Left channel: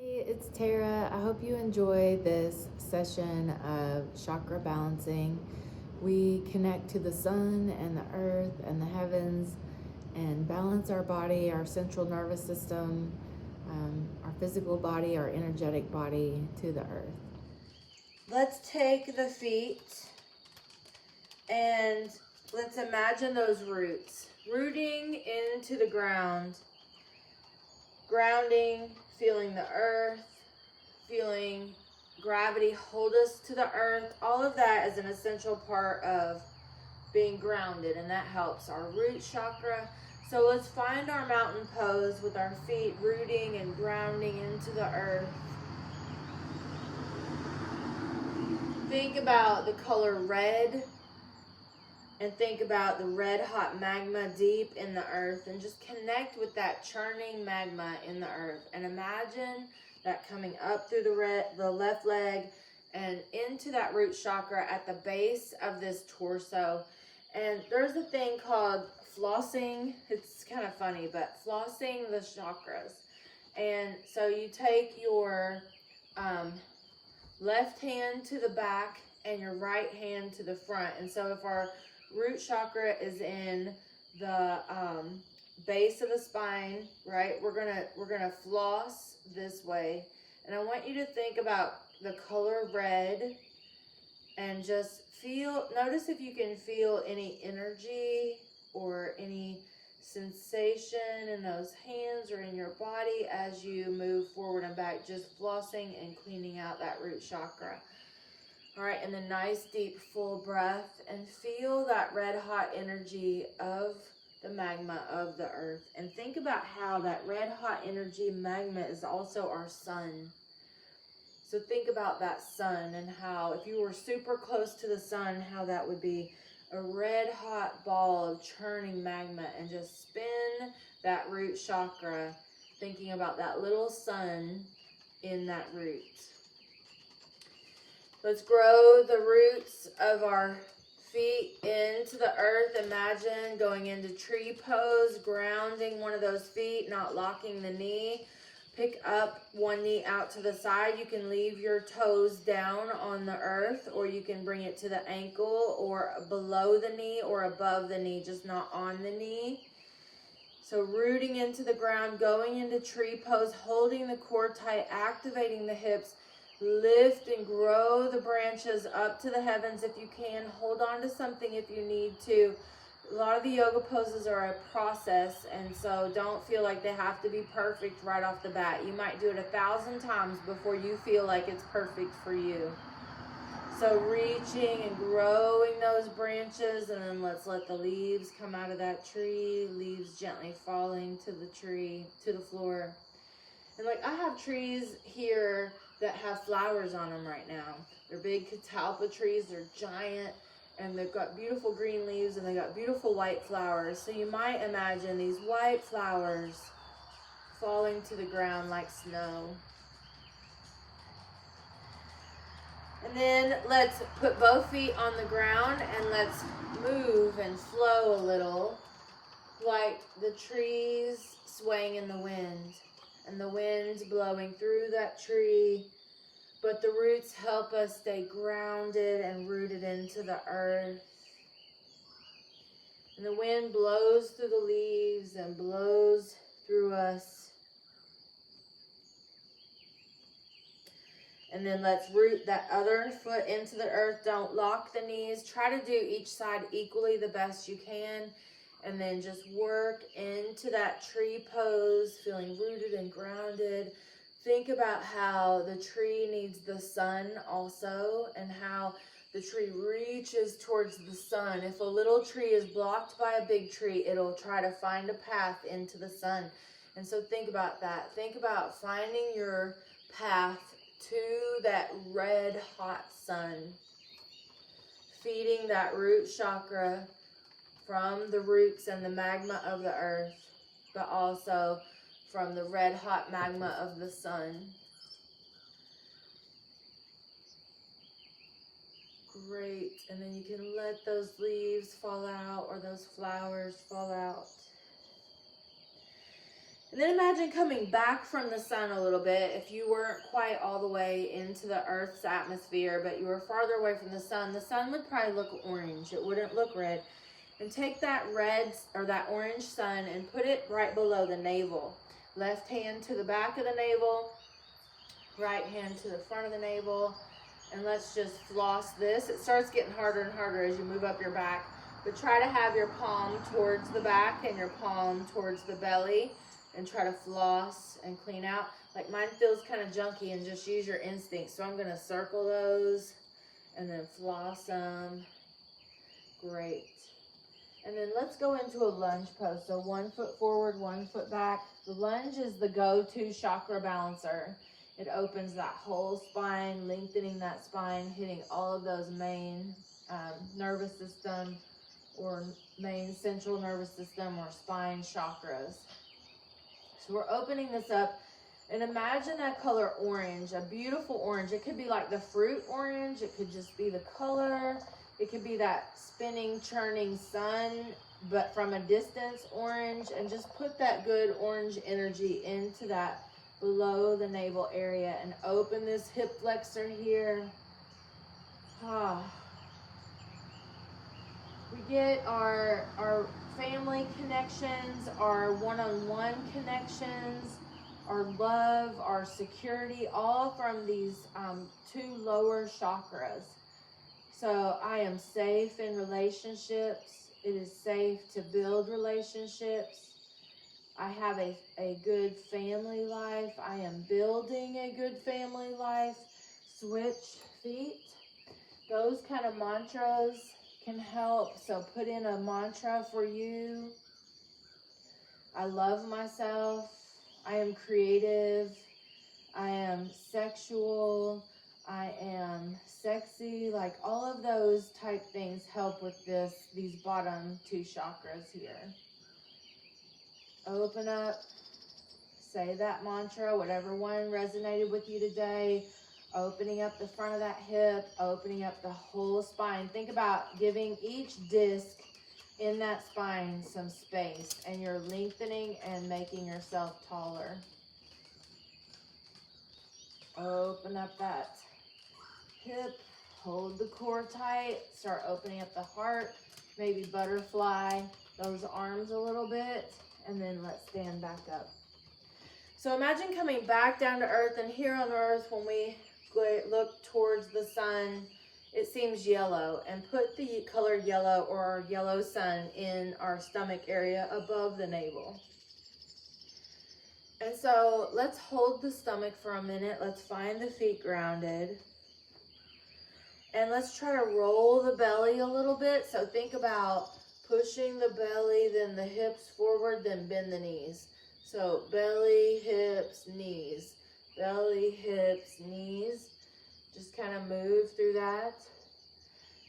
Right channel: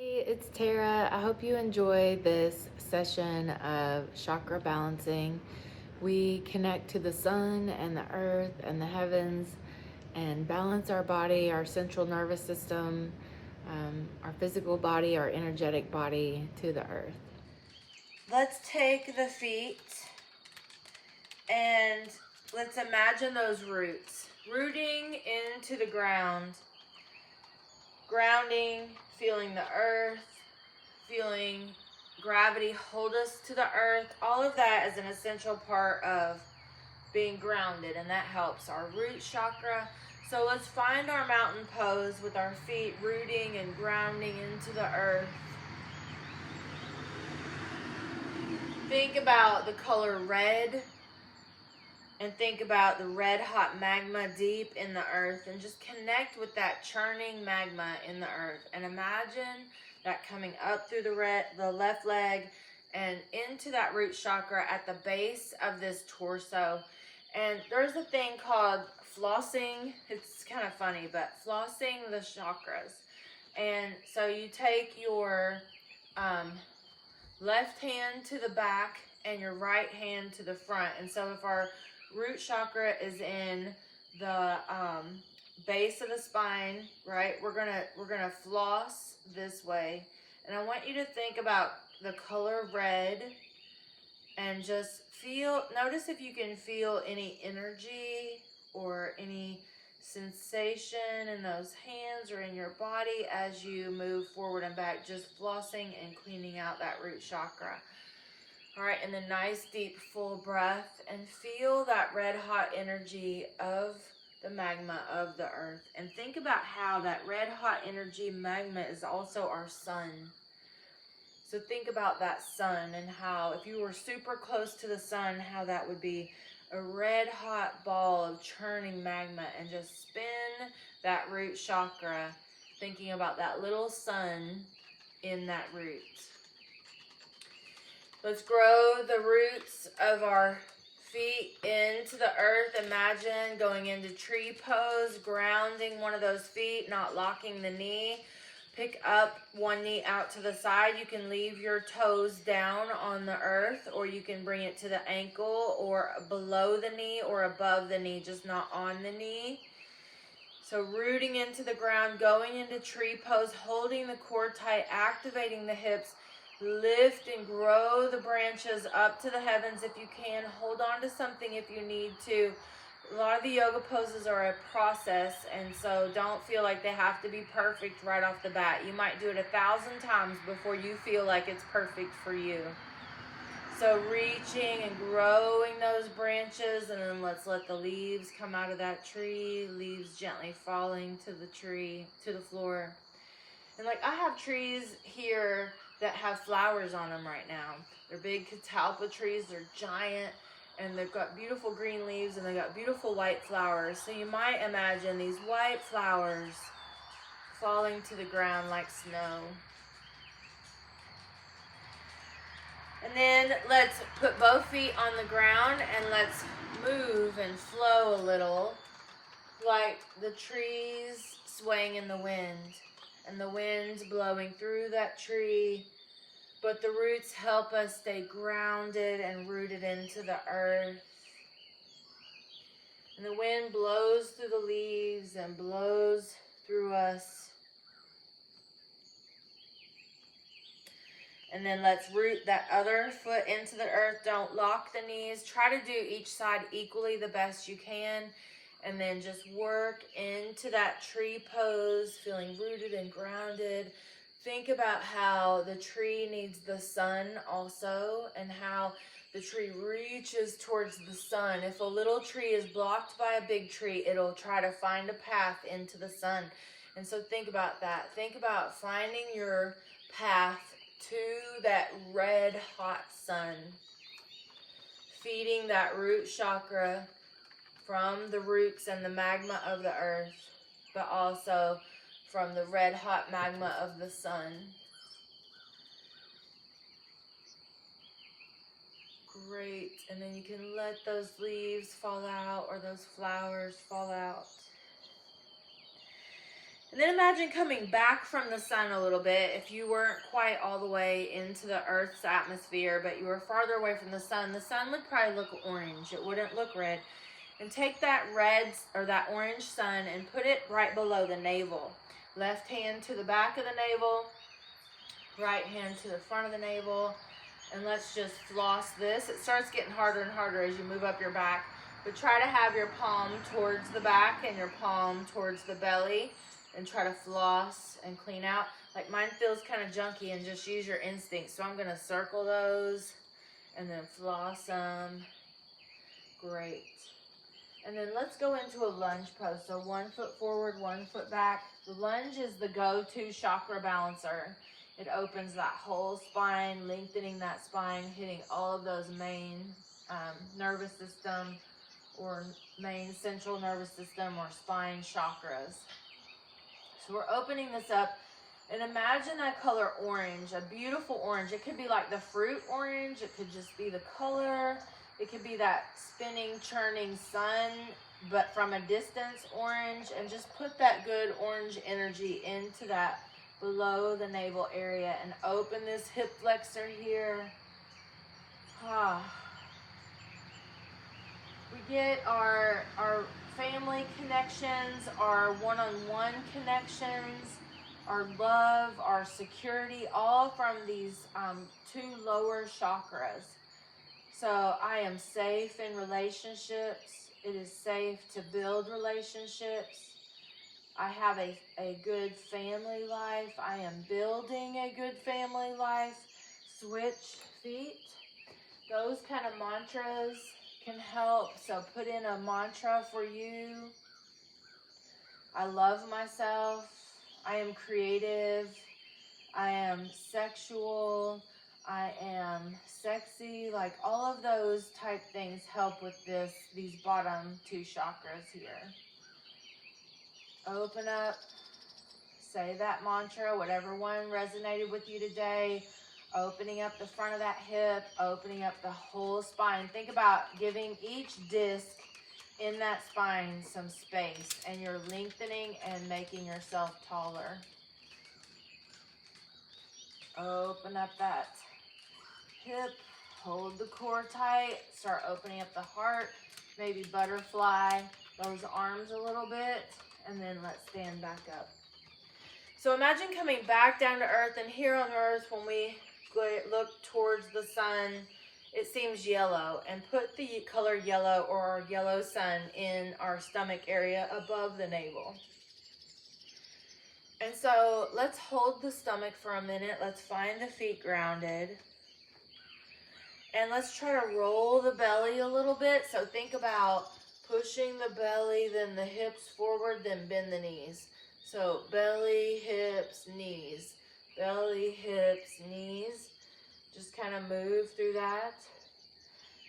Hey, it's Tara. I hope you enjoy this session of chakra balancing. We connect to the sun and the earth and the heavens and balance our body, our central nervous system, our physical body, our energetic body to the earth. Let's take the feet and let's imagine those roots rooting into the ground, grounding, feeling the earth, feeling gravity hold us to the earth. All of that is an essential part of being grounded, and that helps our root chakra. So let's find our mountain pose with our feet rooting and grounding into the earth. Think about the color red and think about the red hot magma deep in the earth, and just connect with that churning magma in the earth, and imagine that coming up through the left leg and into that root chakra at the base of this torso. And there's a thing called flossing. It's kind of funny, but flossing the chakras. And so you take your left hand to the back and your right hand to the front. And so if our root chakra is in the base of the spine, right, we're gonna floss this way. And I want you to think about the color red and just notice if you can feel any energy or any sensation in those hands or in your body as you move forward and back, just flossing and cleaning out that root chakra. All right, and then nice deep full breath, and feel that red hot energy of the magma of the earth. And think about how that red hot energy magma is also our sun. So think about that sun and how if you were super close to the sun, how that would be a red hot ball of churning magma, and just spin that root chakra, thinking about that little sun in that root. Let's grow the roots of our feet into the earth. Imagine going into tree pose, grounding one of those feet, not locking the knee. Pick up one knee out to the side. You can leave your toes down on the earth, or you can bring it to the ankle or below the knee or above the knee, just not on the knee. So rooting into the ground, going into tree pose, holding the core tight, activating the hips. Lift and grow the branches up to the heavens if you can. Hold on to something if you need to. A lot of the yoga poses are a process, and so don't feel like they have to be perfect right off the bat. You might do it 1,000 times before you feel like it's perfect for you. So reaching and growing those branches, and then let's let the leaves come out of that tree. Leaves gently falling to the tree, to the floor. And like I have trees here that have flowers on them right now. They're big catalpa trees, they're giant, and they've got beautiful green leaves and they've got beautiful white flowers. So you might imagine these white flowers falling to the ground like snow. And then let's put both feet on the ground and let's move and flow a little, like the trees swaying in the wind. And the wind's blowing through that tree, but the roots help us stay grounded and rooted into the earth. And the wind blows through the leaves and blows through us. And then let's root that other foot into the earth. Don't lock the knees. Try to do each side equally the best you can. And then just work into that tree pose, feeling rooted and grounded. Think about how the tree needs the sun also, and how the tree reaches towards the sun. If a little tree is blocked by a big tree, it'll try to find a path into the sun. And so think about that. Think about finding your path to that red hot sun. Feeding that root chakra from the roots and the magma of the earth, but also from the red hot magma of the sun. Great. And then you can let those leaves fall out or those flowers fall out. And then imagine coming back from the sun a little bit. If you weren't quite all the way into the Earth's atmosphere, but you were farther away from the sun would probably look orange. It wouldn't look red. And take that red or that orange sun and put it right below the navel. Left hand to the back of the navel, right hand to the front of the navel. And let's just floss this. It starts getting harder and harder as you move up your back. But try to have your palm towards the back and your palm towards the belly. And try to floss and clean out. Like mine feels kind of junky, and just use your instincts. So I'm going to circle those and then floss them. Great. And then let's go into a lunge pose. So 1 foot forward, 1 foot back. The lunge is the go-to chakra balancer. It opens that whole spine, lengthening that spine, hitting all of those main nervous system or main central nervous system or spine chakras. So we're opening this up, and imagine that color orange, a beautiful orange. It could be like the fruit orange. It could just be the color. It could be that spinning, churning sun, but from a distance orange. And just put that good orange energy into that below the navel area and open this hip flexor here. We get our family connections, our one-on-one connections, our love, our security, all from these 2 lower chakras. So I am safe in relationships. It is safe to build relationships. I have a good family life. I am building a good family life. Switch feet. Those kind of mantras can help. So put in a mantra for you. I love myself. I am creative. I am sexual. I am sexy. Like all of those type things help with these bottom 2 chakras here. Open up. Say that mantra, whatever one resonated with you today. Opening up the front of that hip, opening up the whole spine. Think about giving each disc in that spine some space, and you're lengthening and making yourself taller. Open up that hip, hold the core tight, start opening up the heart, maybe butterfly those arms a little bit, and then let's stand back up. So imagine coming back down to earth, and here on earth when we look towards the sun, it seems yellow, and put the color yellow or our yellow sun in our stomach area above the navel. And so let's hold the stomach for a minute. Let's find the feet grounded. And let's try to roll the belly a little bit. So think about pushing the belly, then the hips forward, then bend the knees. So belly, hips, knees. Belly, hips, knees. Just kind of move through that.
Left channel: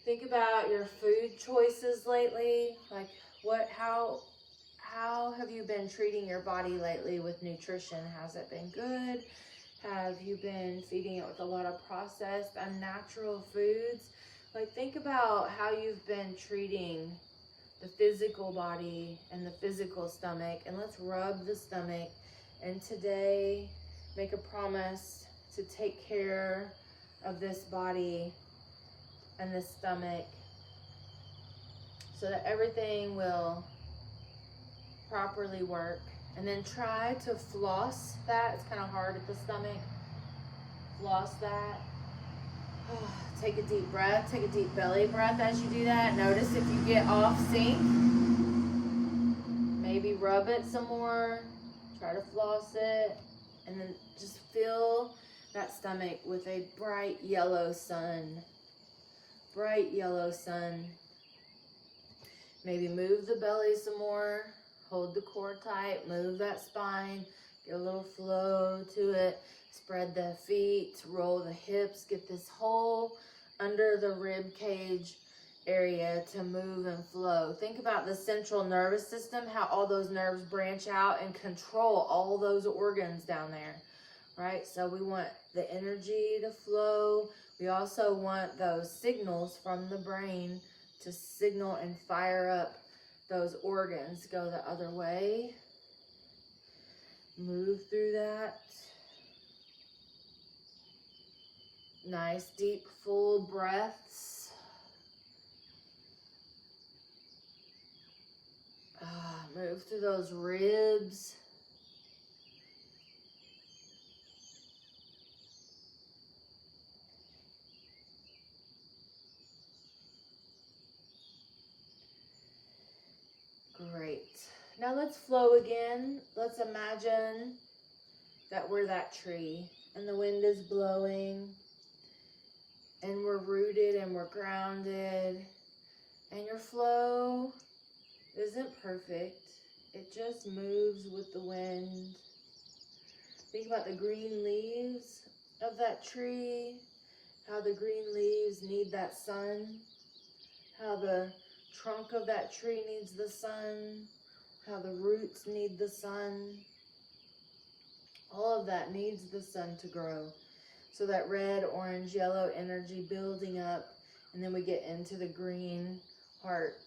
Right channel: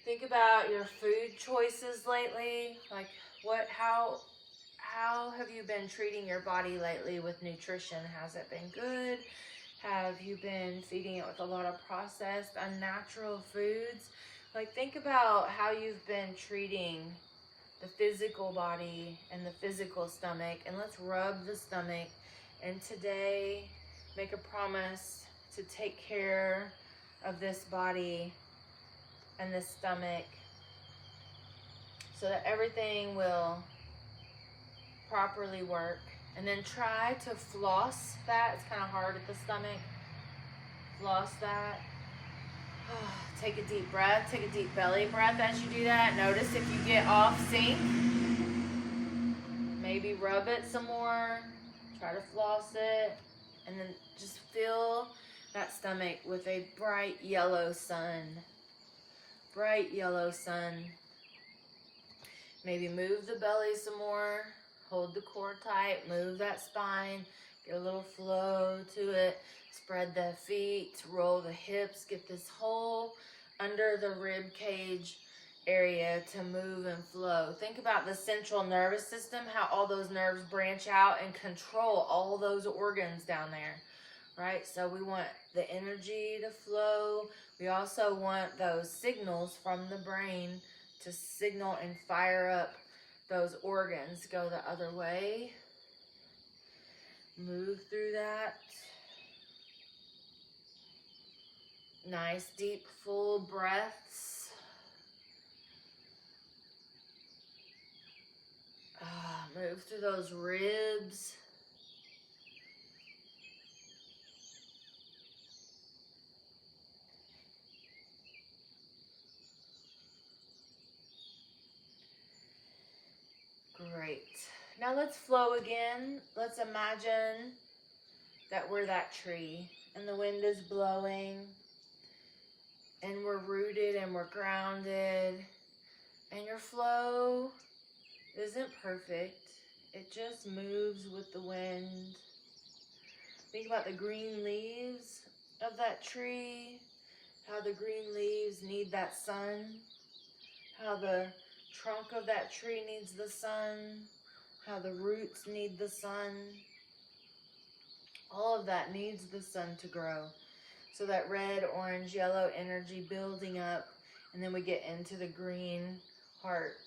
Think about your food choices lately. Like how have you been treating your body lately with nutrition? Has it been good? Have you been feeding it with a lot of processed, unnatural foods? Like think about how you've been treating the physical body and the physical stomach, and let's rub the stomach. And today, make a promise to take care of this body and this stomach so that everything will properly work. And then try to floss that. It's kind of hard at the stomach. Floss that. Take a deep breath. Take a deep belly breath as you do that. Notice if you get off sync. Maybe rub it some more. Try to floss it. And then just fill that stomach with a bright yellow sun. Bright yellow sun. Maybe move the belly some more. Hold the core tight. Move that spine. Get a little flow to it. Spread the feet. Roll the hips. Get this whole under the rib cage area to move and flow. Think about the central nervous system, how all those nerves branch out and control all those organs down there, right? So we want the energy to flow. We also want those signals from the brain to signal and fire up those organs. Go the other way. Move through that. Nice, deep, full breaths. Move through those ribs. Great. Now let's flow again. Let's imagine that we're that tree and the wind is blowing and we're rooted and we're grounded, and your flow isn't perfect. It just moves with the wind. Think about the green leaves of that tree, how the green leaves need that sun, how the trunk of that tree needs the sun, how the roots need the sun. All of that needs the sun to grow. So that red, orange, yellow energy building up, and then we get into the green heart.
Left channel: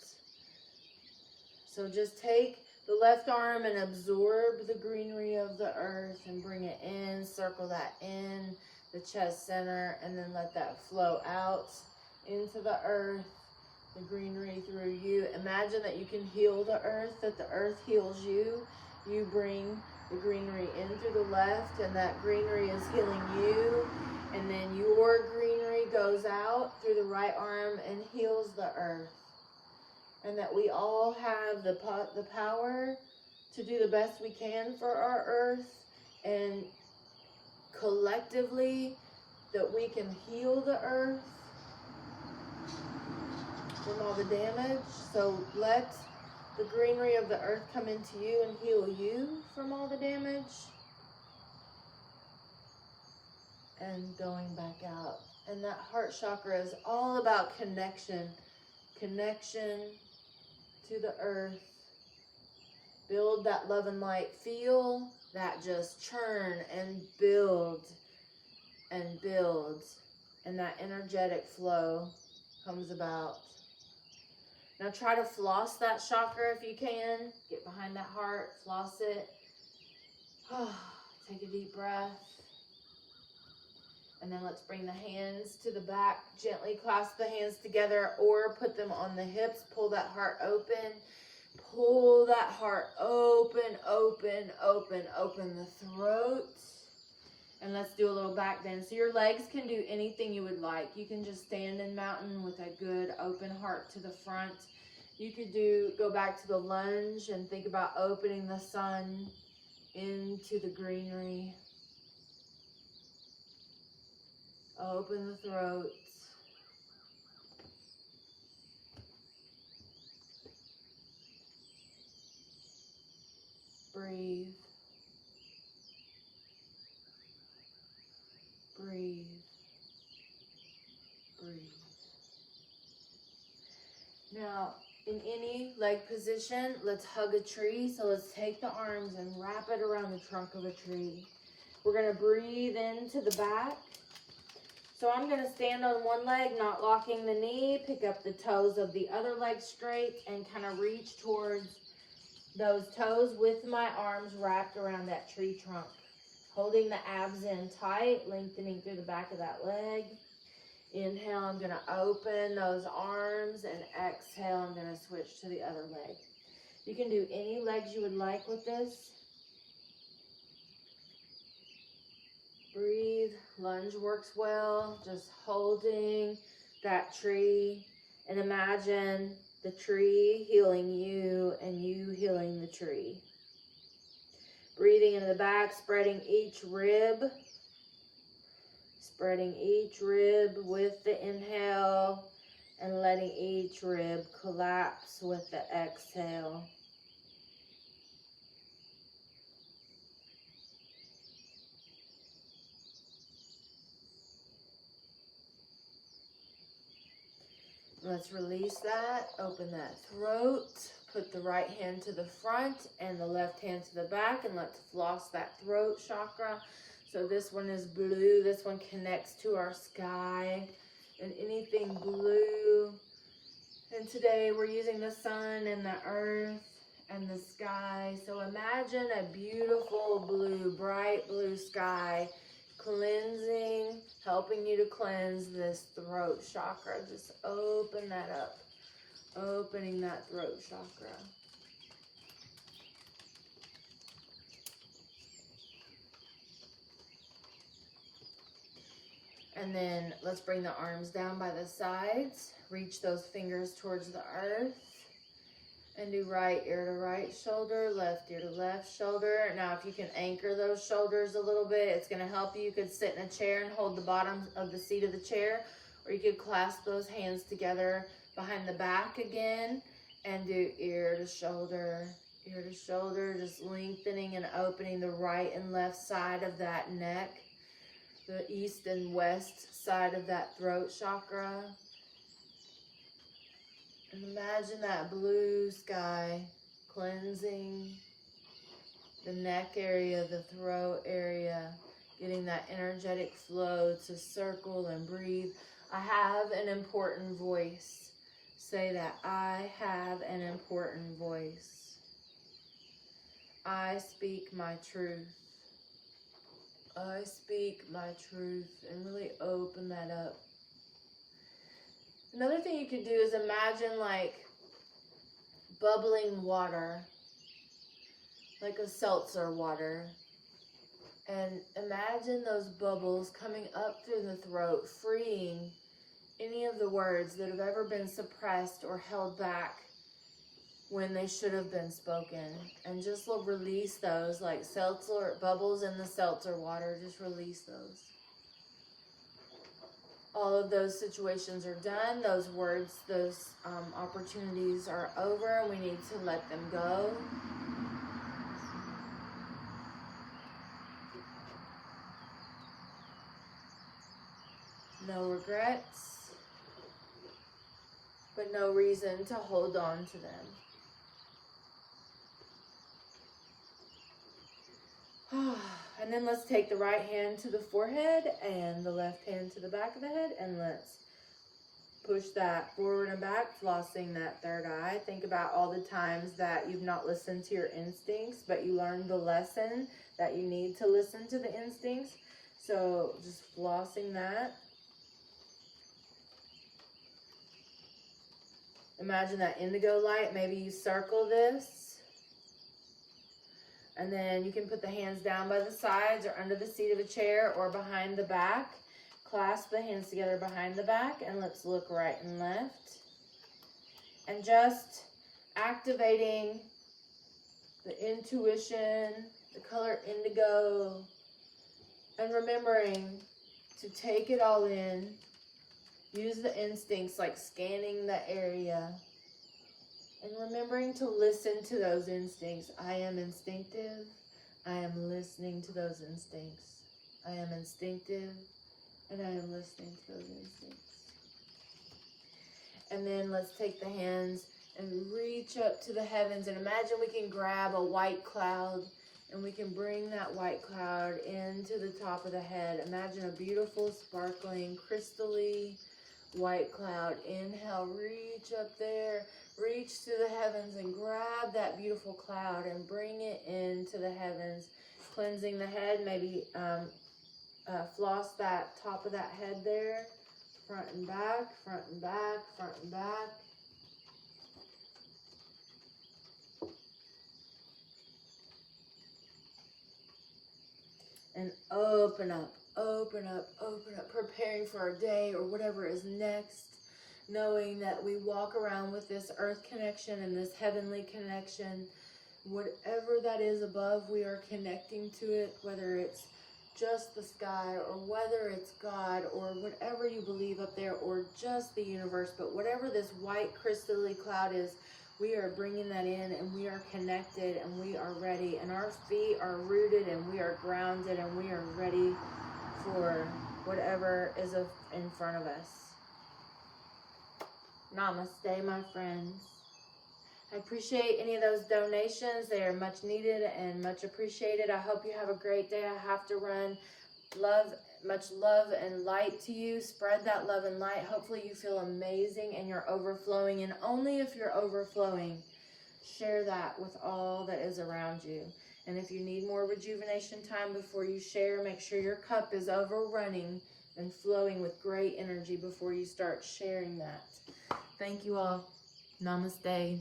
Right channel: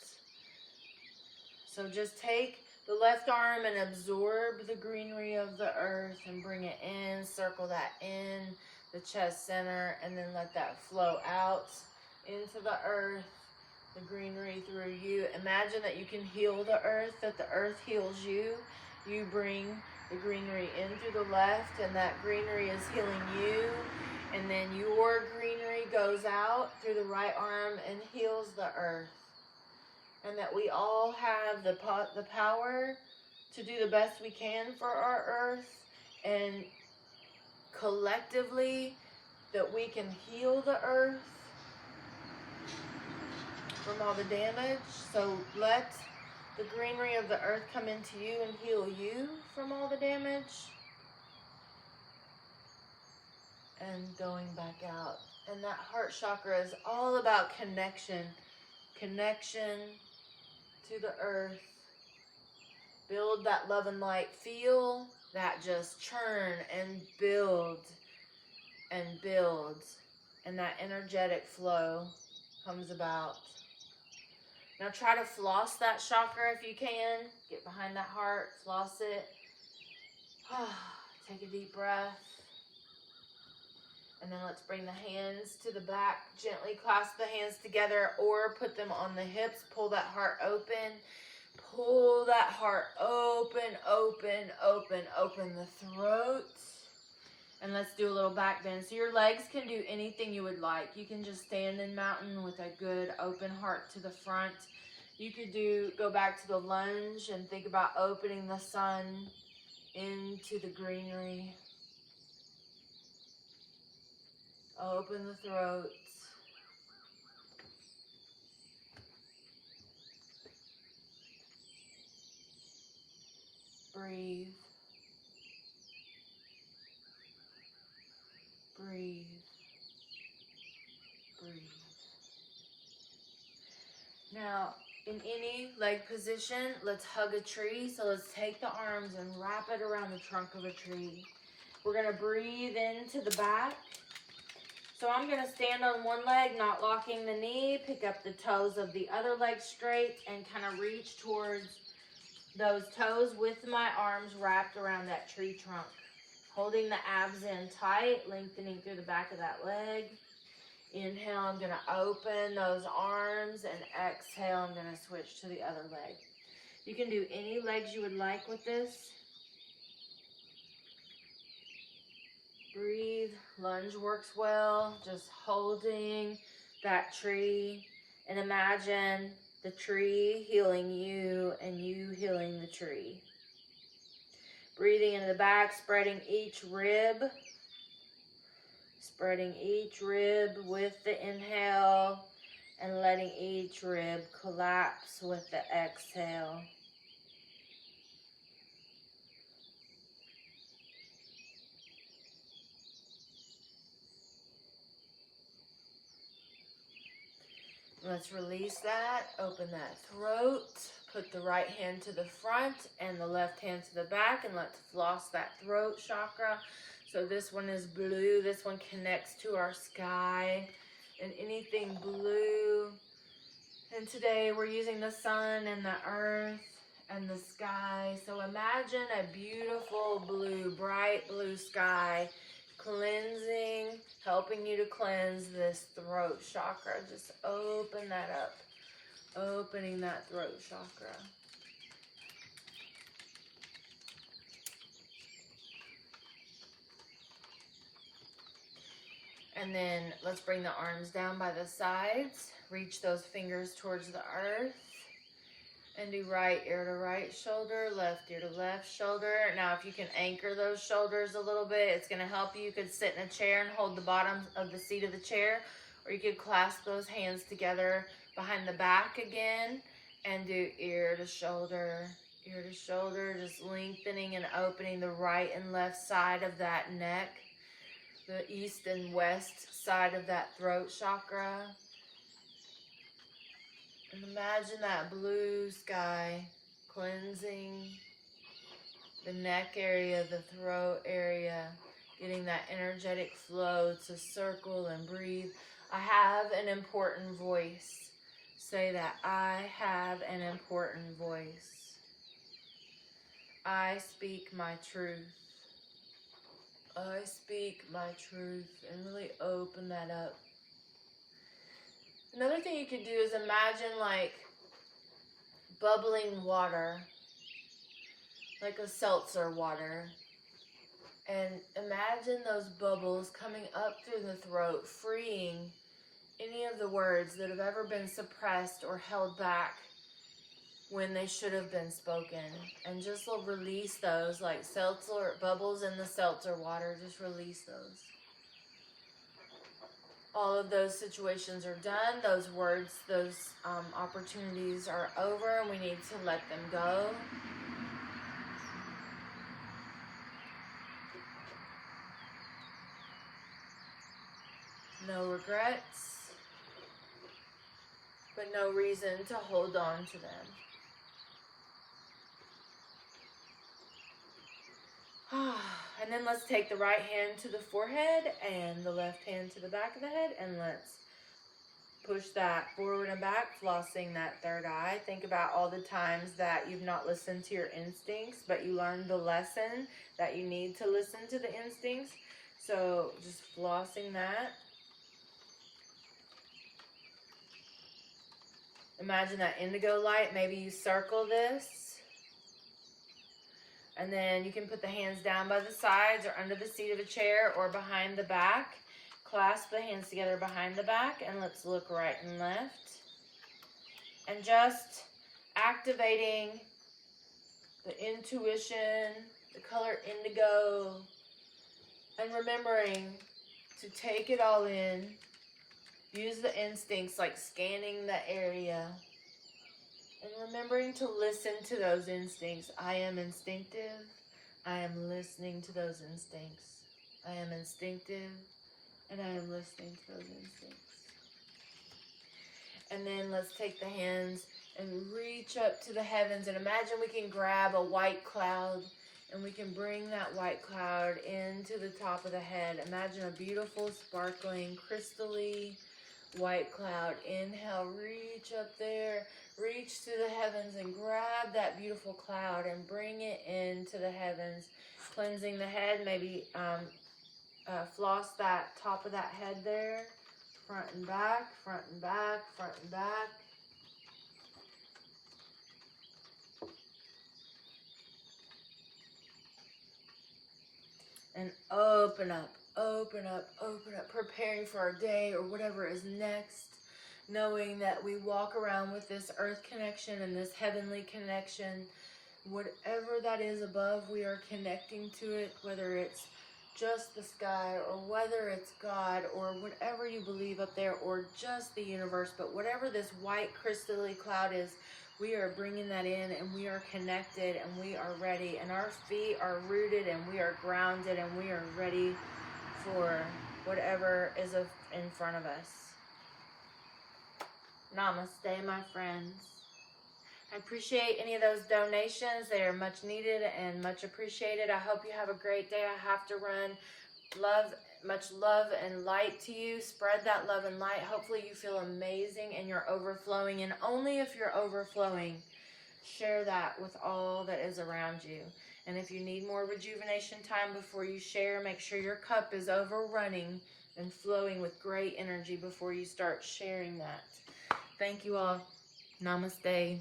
So just take the left arm and absorb the greenery of the earth and bring it in, circle that in the chest center, and then let that flow out into the earth, the greenery through you. Imagine that you can heal the earth, that the earth heals you. You bring the greenery in through the left, and that greenery is healing you. And then your greenery goes out through the right arm and heals the earth. And that we all have the power to do the best we can for our earth. And collectively, that we can heal the earth from all the damage. So let the greenery of the earth come into you and heal you from all the damage. And going back out. And that heart chakra is all about connection. Connection to the earth. Build that love and light. Feel that just churn and build and build. And that energetic flow comes about. Now try to floss that chakra if you can. Get behind that heart. Floss it. Take a deep breath. And then let's bring the hands to the back. Gently clasp the hands together or put them on the hips. Pull that heart open. Pull that heart open, open, open, open the throat. And let's do a little back bend. So your legs can do anything you would like. You can just stand in mountain with a good open heart to the front. You could go back to the lunge and think about opening the sun into the greenery. Open the throat. Breathe. Breathe. Breathe. Now, in any leg position, let's hug a tree. So let's take the arms and wrap it around the trunk of a tree. We're going to breathe into the back. So I'm going to stand on one leg, not locking the knee, pick up the toes of the other leg straight, and kind of reach towards those toes with my arms wrapped around that tree trunk. Holding the abs in tight, lengthening through the back of that leg. Inhale, I'm going to open those arms, and exhale, I'm going to switch to the other leg. You can do any legs you would like with this. Breathe. Lunge works well. Just holding that tree, and imagine the tree healing you and you healing the tree. Breathing into the back, spreading each rib. Spreading each rib with the inhale and letting each rib collapse with the exhale. Let's release that. Open that throat. Put the right hand to the front and the left hand to the back, and let's floss that throat chakra. So this one is blue. This one connects to our sky and anything blue. And today we're using the sun and the earth and the sky. So imagine a beautiful blue bright blue sky, cleansing, helping you to cleanse this throat chakra. Just open that up, opening that throat chakra. And then let's bring the arms down by the sides. Reach those fingers towards the earth. And do right ear to right shoulder, left ear to left shoulder. Now, if you can anchor those shoulders a little bit, it's going to help you. You could sit in a chair and hold the bottom of the seat of the chair. Or you could clasp those hands together behind the back again. And do ear to shoulder, just lengthening and opening the right and left side of that neck. The east and west side of that throat chakra. And imagine that blue sky cleansing the neck area, the throat area, getting that energetic flow to circle and breathe. I have an important voice. Say that. I have an important voice. I speak my truth. I speak my truth. And really open that up. Another thing you could do is imagine like bubbling water, like a seltzer water. And imagine those bubbles coming up through the throat, freeing any of the words that have ever been suppressed or held back when they should have been spoken. And just release those like seltzer bubbles in the seltzer water. Just release those. All of those situations are done. Those words, those opportunities are over. We need to let them go. No regrets, but no reason to hold on to them. And then let's take the right hand to the forehead and the left hand to the back of the head, and let's push that forward and back, flossing that third eye. Think about all the times that you've not listened to your instincts, but you learned the lesson that you need to listen to the instincts. So just flossing that. Imagine that indigo light. Maybe you circle this. And then you can put the hands down by the sides or under the seat of a chair or behind the back. Clasp the hands together behind the back, and let's look right and left. And just activating the intuition, the color indigo, and remembering to take it all in. Use the instincts like scanning the area. And remembering to listen to those instincts. I am instinctive. I am listening to those instincts. I am instinctive. And I am listening to those instincts. And then let's take the hands and reach up to the heavens. And imagine we can grab a white cloud. And we can bring that white cloud into the top of the head. Imagine a beautiful, sparkling, crystally white cloud. Inhale, reach up there. Reach to the heavens and grab that beautiful cloud and bring it into the heavens. Cleansing the head, maybe floss that top of that head there. Front and back, front and back, front and back. And open up, open up, open up. Preparing for our day or whatever is next. Knowing that we walk around with this earth connection and this heavenly connection. Whatever that is above, we are connecting to it, whether it's just the sky or whether it's God or whatever you believe up there or just the universe. But whatever this white crystally cloud is, we are bringing that in and we are connected and we are ready. And our feet are rooted and we are grounded and we are ready for whatever is in front of us. Namaste, my friends. I appreciate any of those donations. They are much needed and much appreciated. I hope you have a great day. I have to run. Much love and light to you. Spread that love and light. Hopefully you feel amazing and you're overflowing. And only if you're overflowing, share that with all that is around you. And if you need more rejuvenation time before you share, make sure your cup is overrunning and flowing with great energy before you start sharing that. Thank you all. Namaste.